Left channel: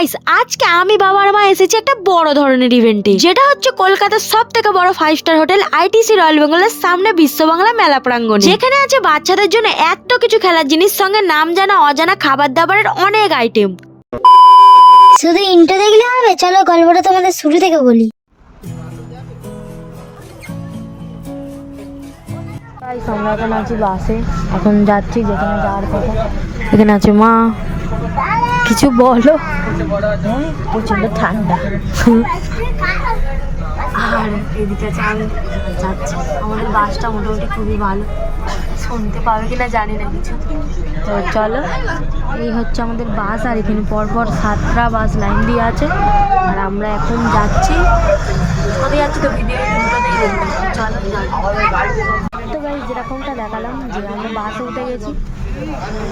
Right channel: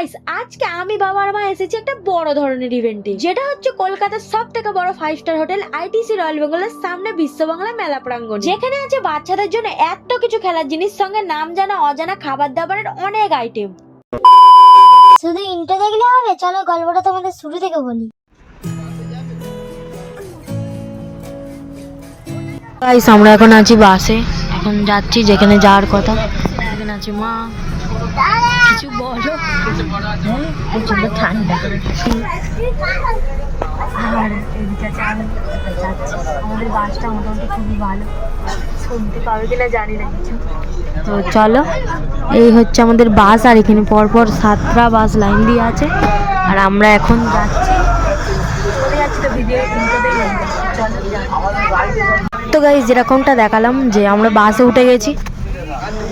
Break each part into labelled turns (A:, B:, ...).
A: Guys আজকে আমি বাবার মা এসেছি একটা বড় ধরনের ইভেন্টে যেটা হচ্ছে কলকাতার সব থেকে বড় five star hotel ITC Royal বেঙ্গলের সামনে বিশ্ব বাংলা মেলা প্রাঙ্গণ। যেখানে আছে বাচ্চাদের জন্য এত কিছু খেলার জিনিস সঙ্গে নাম জানা অজানা খাবার দাবারের অনেক আইটেম
B: শুধু ইন্টো দেখলে হবে? চলো গল্পটা তোমাদের শুরু থেকে বলি।
A: গাইস আমরা এখন আছি বাসে এখন যাচ্ছি যেখানে যাওয়ার কথা। এখানে আছে মা। কিছু বলো। প্রচণ্ড ঠান্ডা। আর এদিকে আমি যাচ্ছি। আমাদের বাসটা মোটামুটি খুবই ভালো। শুনতে পাবে কিনা জানি না কিছু। তো চলো, এই হচ্ছে আমাদের বাস, আর এখানে পরপর সাতটা বাস লাইন দিয়ে আছে। আর আমরা এখন যাচ্ছি। কোথায় যাচ্ছি তো ভিডিও চলো তো গাইজ যেরকমটা দেখালাম যে আমরা বাসে উঠে গেছি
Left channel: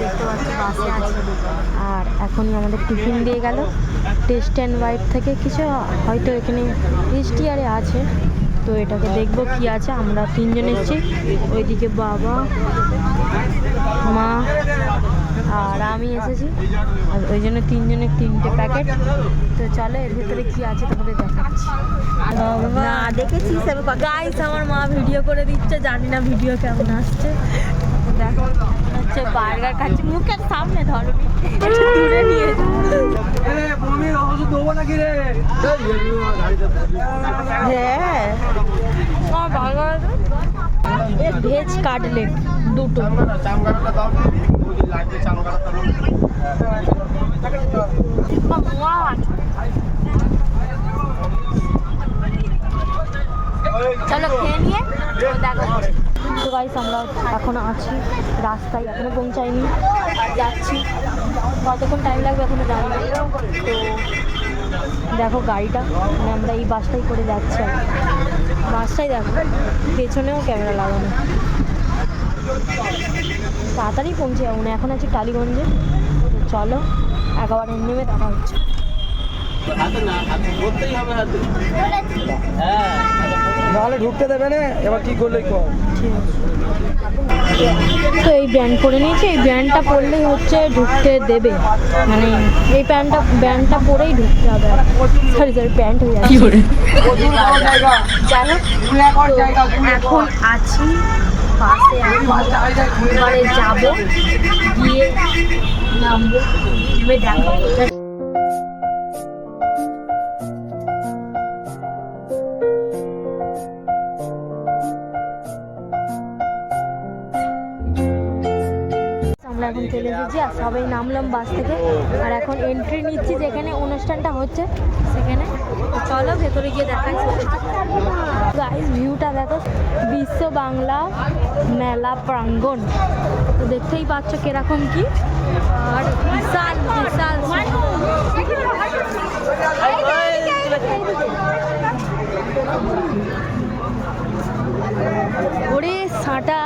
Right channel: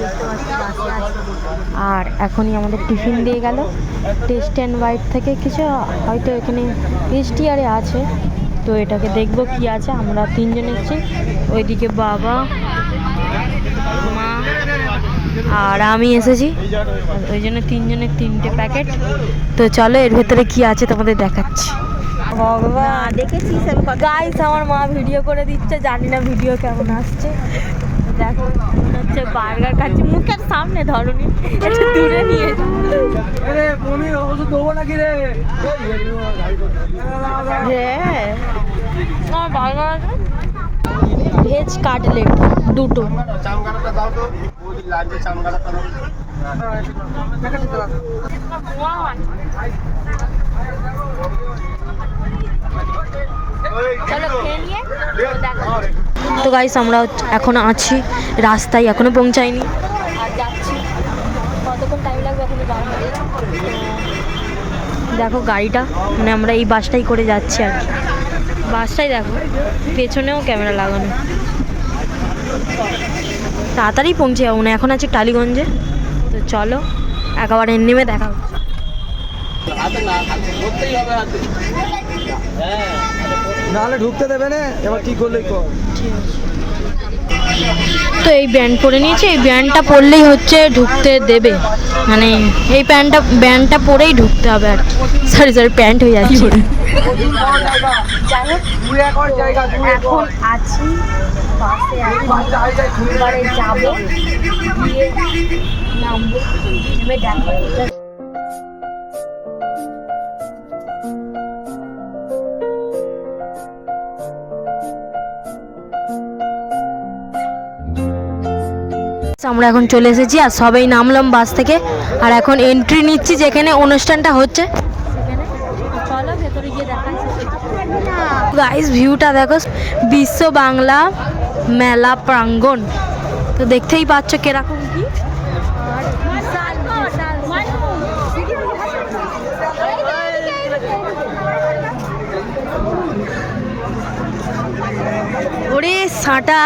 A: দেখতে পাচ্ছি বাসে আছি। আর এখনই আমাদের টিফিন দিয়ে গেল। টেস্ট অ্যান্ড হোয়াইট থেকে কিছু হয়তো এখানে টেস্টি আরে আছে। তো এটাকে দেখব কি আছে আমরা তিনজন এসেছি। ওইদিকে বাবা মা আর আমি এসেছি। আর ওই জন্য তিনজনের তিনটে প্যাকেট। তো চলো এর ভেতরে কি আছে তোমাদের দেখাচ্ছি। না দেখেছিস আমি গাইস আমার মা ভিডিও করে দিচ্ছে জানি না ভিডিও কেমন আসছে। দেখো। বার্গার খাচ্ছি মুখের সামনে ধরনি একটু দূরে নিয়ে হ্যাঁ আমার বার্গার আছে ভেজ কাটলেট দুটো চলো খেয়ে নিয়ে তো গাইস আমরা এখন আছি রাস্তায় এখনও পৌঁছাইনি। আর যাচ্ছি। কতক্ষণ টাইম লাগবে এখনও জানি তো দেখো গাড়িটা মানে আমরা এই বাসটাই করে যাচ্ছি আর কি। বাসটাই দেখো পেছনেও ক্যামেরা লাগানো। তাড়াতাড়ি পৌঁছে যাব না এখন আছে টালিগঞ্জে। তো চলো একেবারে নেমে দেখা হচ্ছে।
C: নাহলে ঢুকতে দেবে না এবার ঠিক করলেই কর।
A: তো এই ব্যান্ড পরে নিয়েছি এই ব্যান্ডটা পরলেই হচ্ছে ঢুকতে দেবে। মানে এই প্যান্টটা ব্যান্ডটা পরেই ঢুকতে হবে আর সরি সরি প্যান্ট হয়ে যাচ্ছে। এখন আছি বাসে এখন যাব গিয়ে নামবো দেখো আমরা এখন চলে এসেছি আর সবাই নামলাম বাস থেকে। আর এখন এন্ট্রি নিচ্ছি যেখানে অনুষ্ঠানটা হচ্ছে। সেখানে চলো, ভেতরে গিয়ে দেখাই। গাইস ভিউটা দেখো, বিশ্ব বাংলা মেলা প্রাঙ্গণ। তো দেখতেই পাচ্ছ কীরকম কি। আর বিশাল ওরে সাঁটা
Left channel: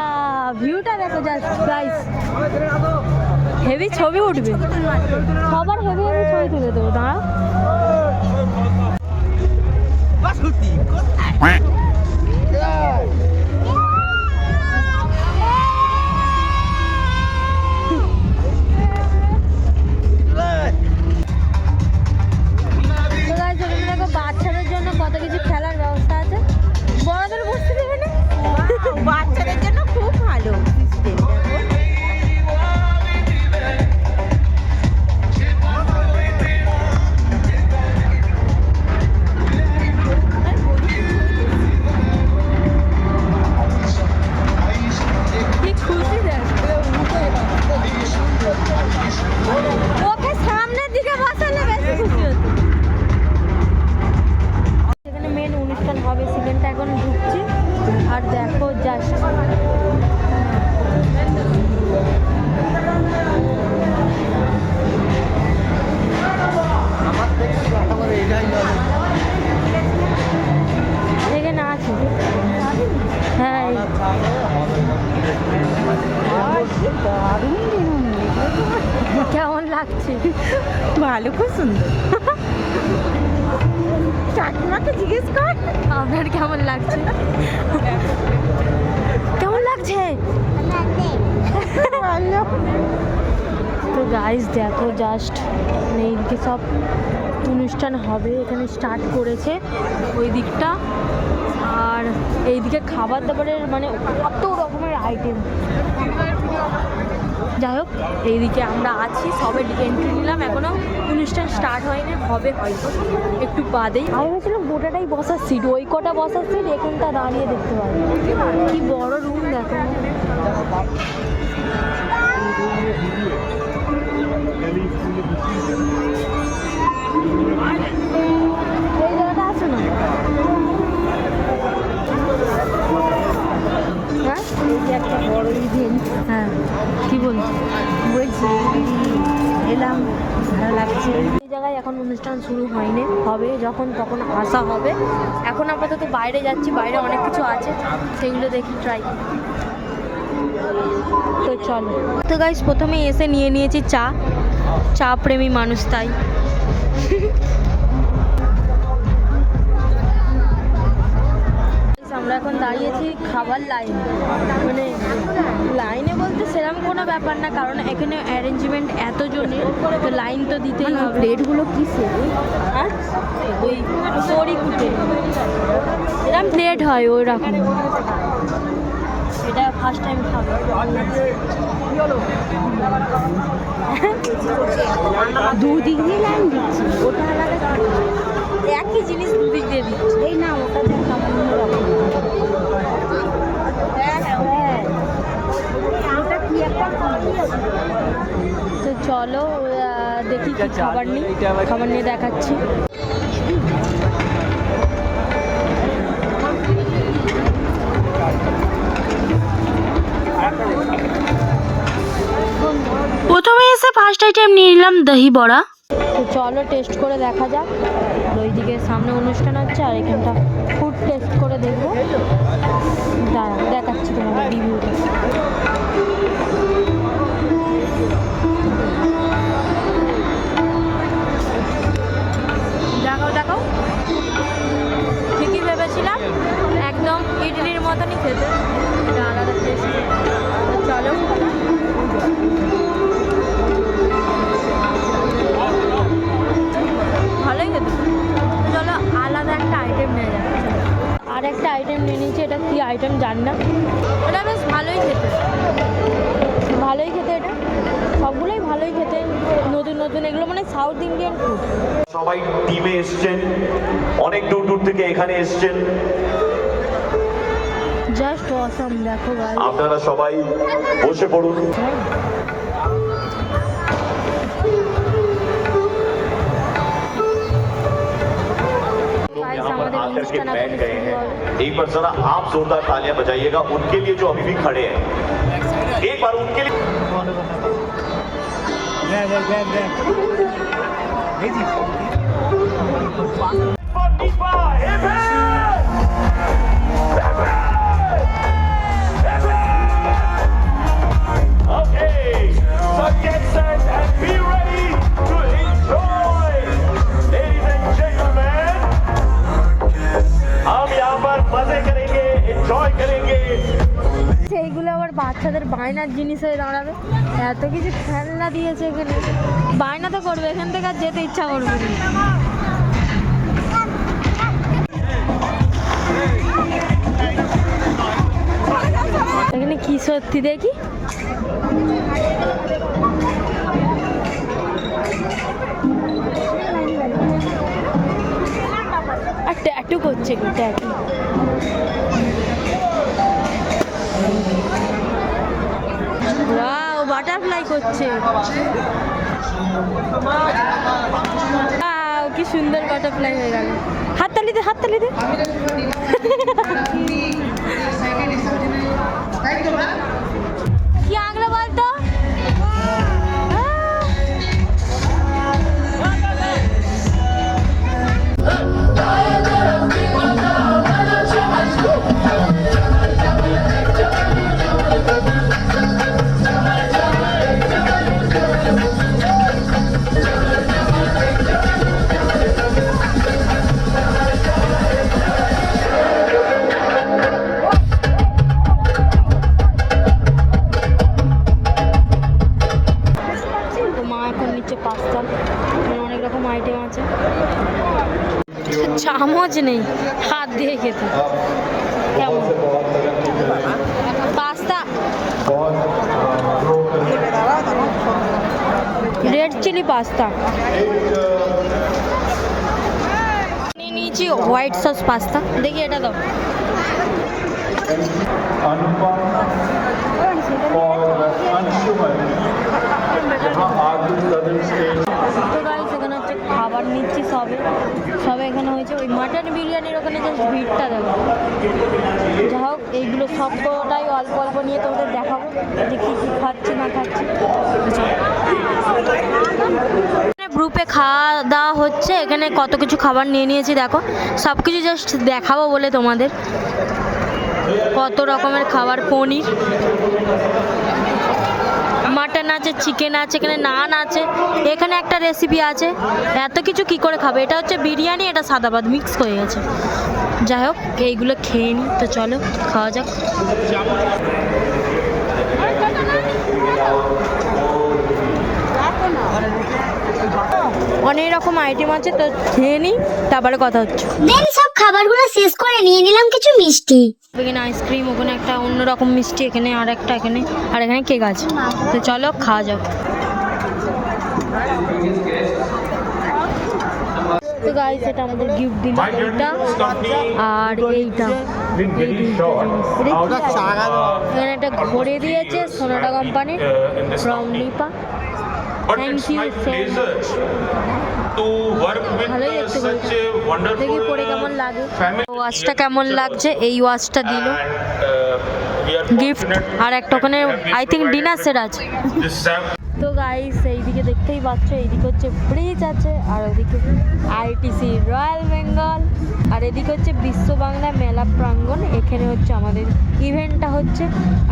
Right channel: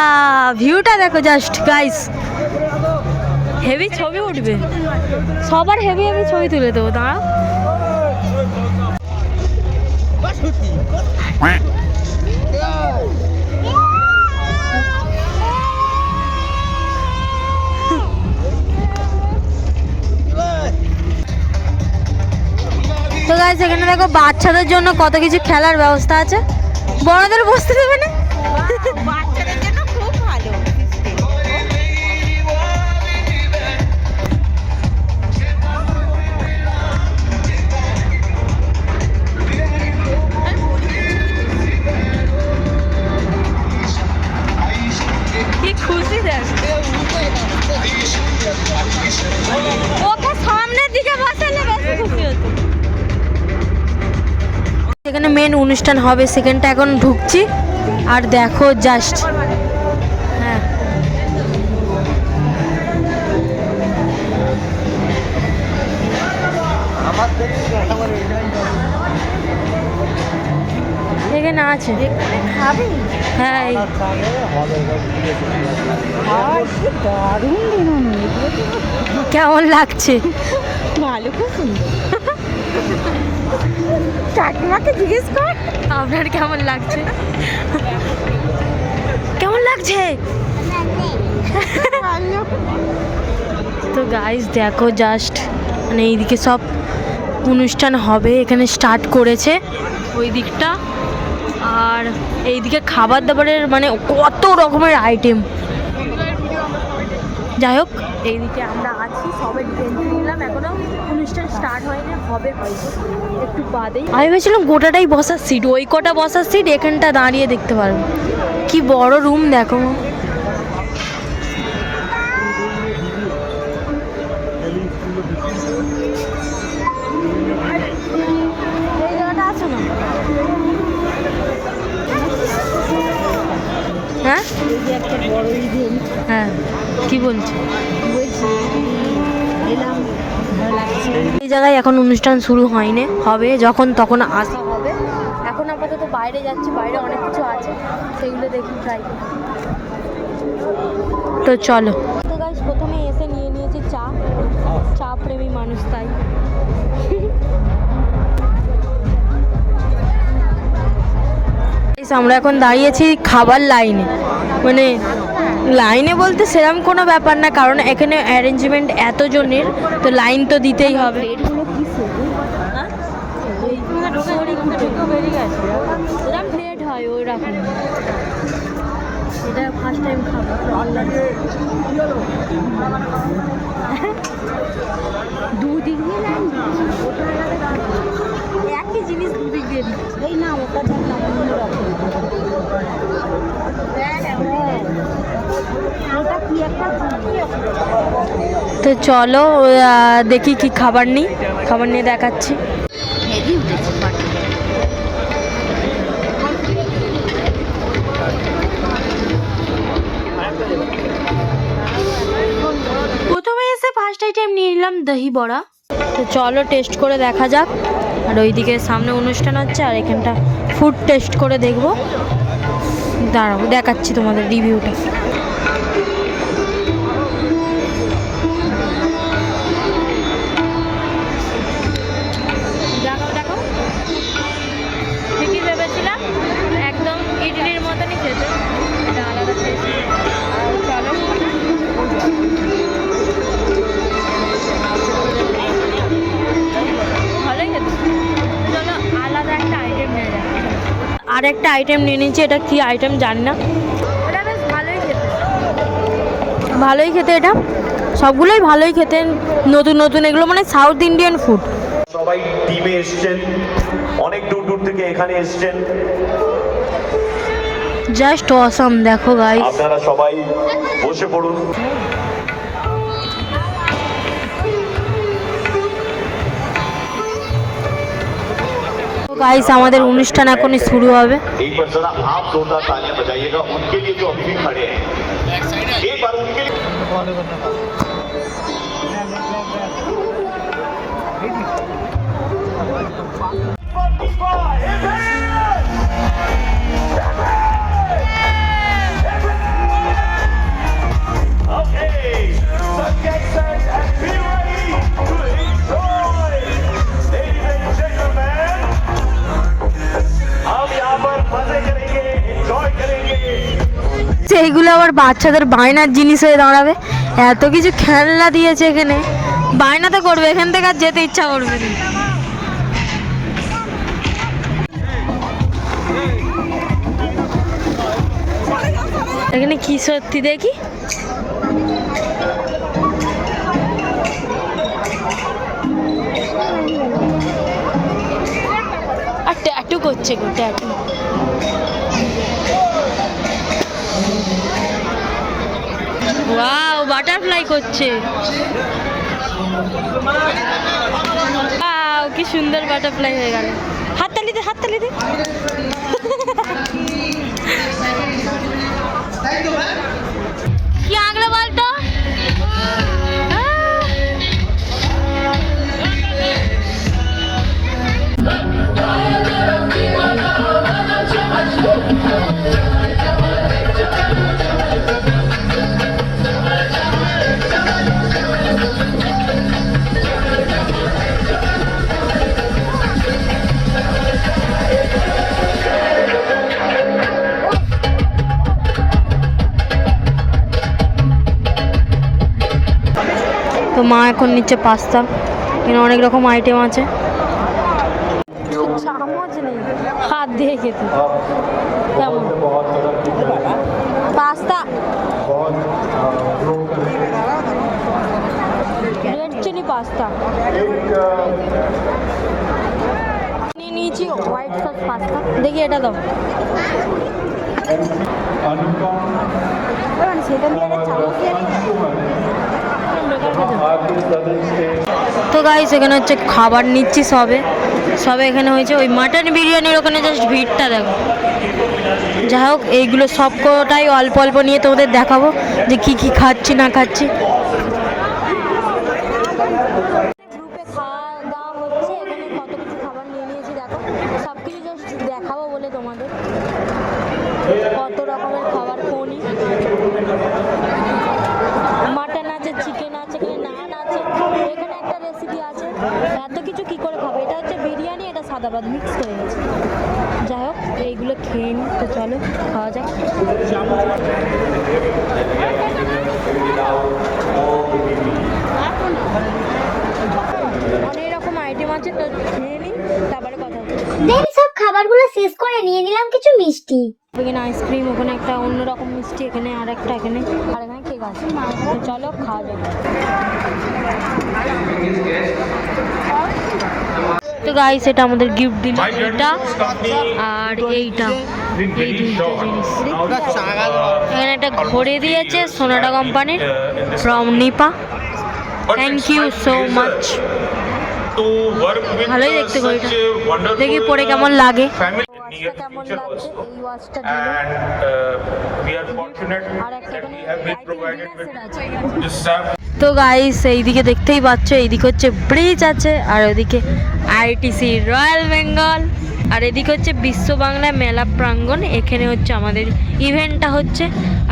A: ভিউটা দেখো জাস্ট গাইস হেভি ছবি উঠবে। সবার হেভি হেভি ছবি তুলে দেবো দাঁড়া তো দেখো বাচ্চাদের জন্য কত কিছু খেলার ব্যবস্থা আছে। বড়দের বসতে দেবে না?
D: বাচ্চাদের জন্য
A: ওকে সামনের দিকে বসালে বেশি খুশি হতো। এখানে মেন অনুষ্ঠান হবে সেখানটা এখন ঢুকছি। আর দেখো জাস্ট হ্যাঁ। এখানে আছে। হ্যাঁ এই- কেমন লাগছে?
D: ভালো খুব সুন্দর। কাকিমাকে জিজ্ঞেস কর।
A: আপনার কেমন লাগছে? কেমন লাগছে? তো গাইস দেখো জাস্ট মানে এইদিকে সব অনুষ্ঠান হবে এখানে স্টার্ট করেছে ওই দিকটা আর এইদিকে খাবার দাবারের মানে কত রকমের আইটেম যাই হোক এইদিকে আমরা আছি সবে এন্ট্রি নিলাম এখনও। অনুষ্ঠান স্টার্ট হয়নি হবে হয়তো একটু বাদেই। আমি ভেবেছিলাম গোটাটাই বসার সিট ওই কটা বসার সিট এখানটা দাঁড়িয়ে দেখতে পারব। কি বড় রুম দেখো। হ্যাঁ? হ্যাঁ। কি বলছো?
D: বলছি এলাম ভালো লাগছে।
A: এই জায়গায় এখন অনুষ্ঠান শুরু হয়নি হবে যখন তখন আসা হবে। এখন আপাতত বাইরে যাচ্ছি বাইরে অনেক কিছু আছে সেগুলো দেখি ট্রাই করি। তো চলো। তো গাইস প্রথমে এসে নিয়ে নিয়েছি চা। চা প্রেমী মানুষ তাই। আমরা এখন দাঁড়িয়েছি খাবার লাইনে। মানে লাইনে বলতে সেরকম কোনো ব্যাপার না কারণ এখানে অ্যারেঞ্জমেন্ট এত জনের তো লাইন তো দিতেই হবে।
D: প্লেটগুলো কি
A: হ্যাঁ? এরকম প্লেট হয় ওই রকম এটা ফার্স্ট টাইম খাব।
D: দুদিক দিয়ে লাইন দিচ্ছি। ওটা আলাদা
A: একই জিনিস দুদিক দিয়ে দিচ্ছে।
D: এই না ওটা দেখ না অন্যরকম। হ্যাঁ ওটা কি একটা কি আছে
A: তো চলো দেখি কি খাবার নিই। খাবার নিয়ে দেখাচ্ছি। প্রথমে এসে ফার্স্ট আইটেম নিয়ে নিলাম দহি বড়া। তো চলো টেস্ট করে দেখা যাক। আর ওইদিকে সামনে অনুষ্ঠান হচ্ছে আর এখানটা ফুড টেস্ট করে দেখব। দাঁড়াও দেখাচ্ছি তোমাদের রিভিউটা ইডলির মতনই খেতে। এটা আলাদা টেস্ট চলো। ভালোই খেতে। চলো, আলাদা একটা আইটেম নিয়ে যাব আর একটা আইটেম নিয়ে নিয়েছি, এটা কি আইটেম জানি না। এটা বেশ ভালোই খেতে। ভালোই খেতে এটা। সবগুলোই ভালোই খেতে। নতুন নতুন, এগুলো মানে সাউথ ইন্ডিয়ান ফুড
E: সবাই টিমে এসছেন। অনেক দূর দূর থেকে এখানে এসছেন।
A: জাস্ট অসম দেখো গাইস
E: আপনারা সবাই বসে পড়ুন
A: গাইস আমাদের অনুষ্ঠান এখনই শুরু হবে
E: एक बार जरा आप जोरदार तालियां बजाइएगा उनके लिए जो अभी भी खड़े हैं एक बार उनके लिए Okay,
A: সেইগুলো আবার বাচ্চাদের বায়নার জিনিস হয়ে দাঁড়াবে। এত কিছু খেলনা দিয়েছে এখানে। বায়না তো করবে, এখান থেকে আর যেতে ইচ্ছা করবে না। এখানে কি সত্যি দেখি? আর ট্যাটু করছে গো ট্যাটু ওয়াও বাটারফ্লাই করছে। ওয়াও কি সুন্দর বাটারফ্লাই হয়ে গেল। হাততালি দে হাততালি দে। মা এখন নিচ্ছে পাস্তা। এখানে অনেক রকম আইটেম আছে। চামচ নেই হাত দিয়ে খেতে। কেমন? পাস্তা। Red chilli pasta. নিয়েছি হোয়াইট সস পাস্তা। দেখি এটা দাও।
E: অনুপম
A: তো গাইস এখানে হচ্ছে খাবার নিচ্ছি সবে। সবে এখানে হয়েছে ওই মাটন বিরিয়ানির ওখানে জাস্ট ভিড়টা দেখো। যাই হোক, এইগুলো সব কটাই অল্প অল্প নিয়ে তোমাদের দেখাবো যে কি কি খাচ্ছি, না খাচ্ছি। গ্রুপে খাওয়া দাওয়া হচ্ছে। এখানে কত কিছু খাবার নিয়ে নিয়েছি, দেখো। সব কিছু জাস্ট দেখাবো বলে তোমাদের। কত রকমের খাবার, পনির। মাটন আছে চিকেন আছে, এখানে নান আছে, এখানে একটা রেসিপি আছে। এত কিছু কি করে খাবে? এটা হচ্ছে বিরিয়ানি, এটা সাদা ভাত মিক্স হয়ে গেছে। যাই হোক, এইগুলো খেয়ে নিই তো চলো, খাওয়া যাক। অনেক রকম আইটেম আছে, তো খেয়ে নিই তারপরে কথা হচ্ছে।
B: খাবারগুলো শেষ করে নিয়ে নিলাম কিছু মিষ্টি।
A: এখানে আইসক্রিম, ওখানে একটা অন্যরকম মিষ্টি, এখানে আর একটা এখানে, আর এখানে কেক আছে। তো চলো, খাওয়া যাক। তো গাইস এটা আমাদের গিফট দিল এটা আর এইটা, এই দুইটা এখানে একটা ঘড়ি দিয়েছে সোনাটা কোম্পানির from Nipa thank you so much ভালোই দেখতে ঘড়িটা দেখি পরে কেমন লাগে। ওয়াচটা কেমন লাগছে? এই ওয়াচটা দিল। গিফট আর একটা ওখানে আই থিঙ্ক ডিনার সেট আছে। তো গাইস এইদিকে দেখতেই পাচ্ছ এইদিকে হচ্ছে ব্রিজ আছে আর ওদিকে আইটিসি রয়্যাল বেঙ্গল আর এদিকে হচ্ছে বিশ্ব বাংলা মেলা প্রাঙ্গণ, এখানে হচ্ছে আমাদের ইভেন্টটা হচ্ছে।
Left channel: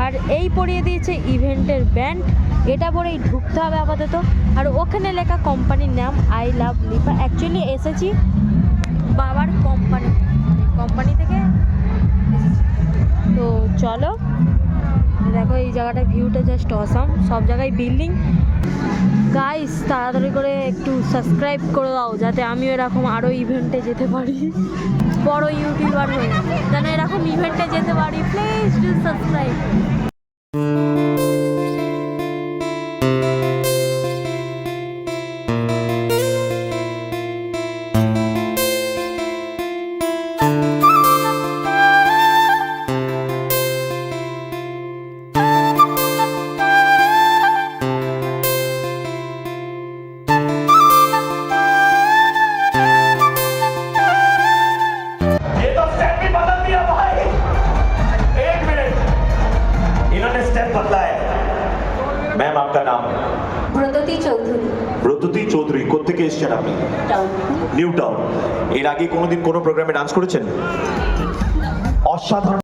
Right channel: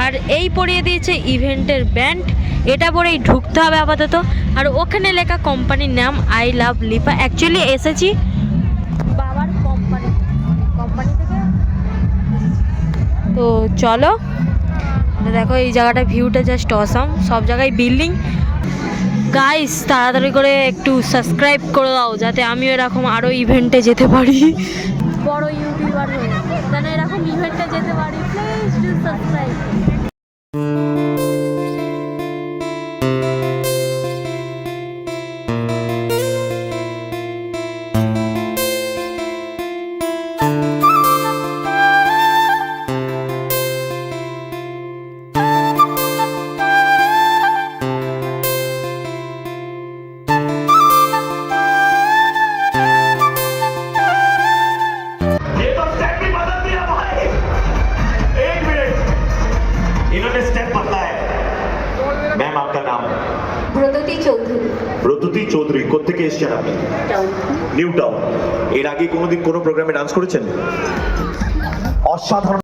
A: আর এই পরিয়ে দিয়েছে ইভেন্টের ব্যান্ড এটা পরেই ঢুকতে হবে আপাতত। আর ওখানে লেখা কোম্পানির নাম আই লাভ লিপা অ্যাকচুয়ালি এসেছি বাবার কোম্পানি কোম্পানি থেকে তো চলো, দেখো এই জায়গাটা ভিউটা জাস্ট অসাম সব জায়গায় বিল্ডিং গাইস তাড়াতাড়ি করে একটু সাবস্ক্রাইব করে দাও, যাতে আমি এরকম আরও ইভেন্টে যেতে পারি। বড় ইউটিউবার হয়ে। যেন এরকম ইভেন্টে যেতে পারি প্লিজ ডু সাবস্ক্রাইব
E: এসেছেন আপনি? নিউ টাউন এর আগে কোনোদিন কোনো প্রোগ্রামে ডান্স করেছেন? অসাধারণ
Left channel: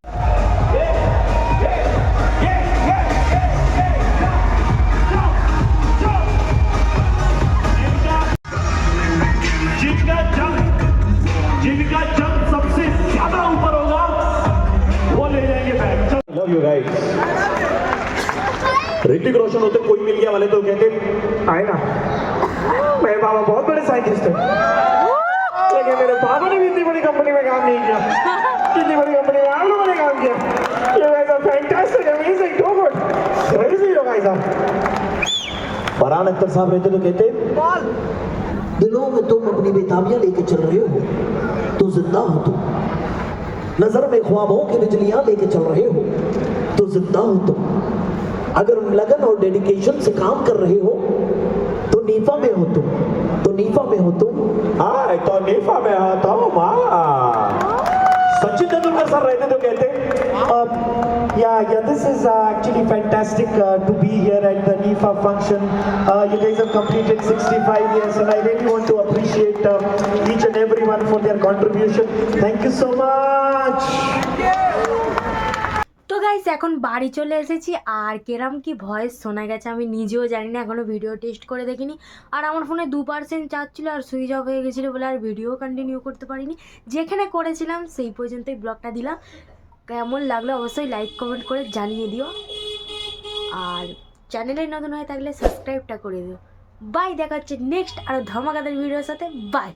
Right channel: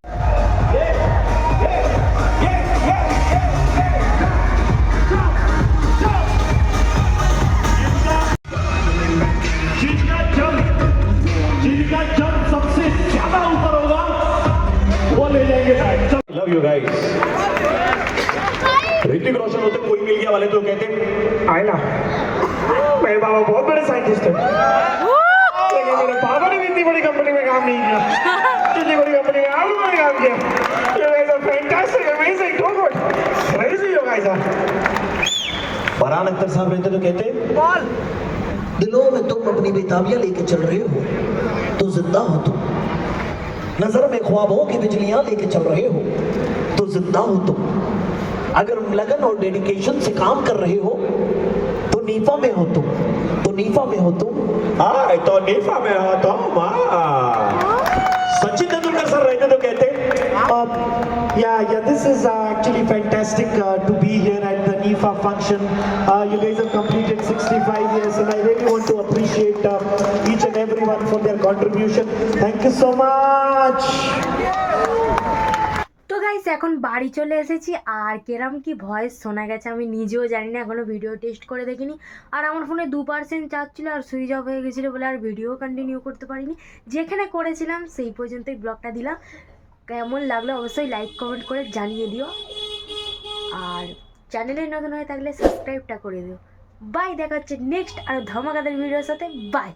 E: साहब रहते तो कहते
F: दिलों में तुम अपनी बेताबियाँ लेके चल रहे हो तो ज़िंदा हो तुम। नज़र में ख्वाबों की बिजलियाँ लेके चल रहे हो तो ज़िंदा हो तुम। अगर लगन और डेडिकेशन से काम कर रहे हो तो नीफा में हो तुम तो नीफा में हो तुम।
E: हाँ तो नीफा में हो तो सचिन तेंदुलकर सर रहते तो कहते
G: yeah, yeah, uh, actually fantastic uh, to be here at the NIFA function. Uh, you guys have completed 65 years, and I really want to appreciate uh, each and everyone for their contribution. Thank you so much.
A: এখন বাড়ি চলে এসেছি আর কেরাম কি voice শোনা গেছে আমি নিজেও জানি না এখনও ভিডিও টেস্ট করে দেখিনি আর আমার ফোনে দু পার্সেন্ট চার্জ ছিল আর সুইচ অফ হয়ে গেছিল বলে আর ভিডিও কন্টিনিউ করতে পারিনি যেখানে করেছিলাম সেই পর্যন্তই ব্লগটা দিলাম কেমন লাগল অবশ্যই লাইক কমেন্ট করে জানিয়ে দিও আর চ্যানেলে নতুন হয়ে থাকলে সাবস্ক্রাইবটা করে দিও। বাই দেখা হচ্ছে নেক্সট আর ধমাকাদের ভিডিওর সাথে। বাই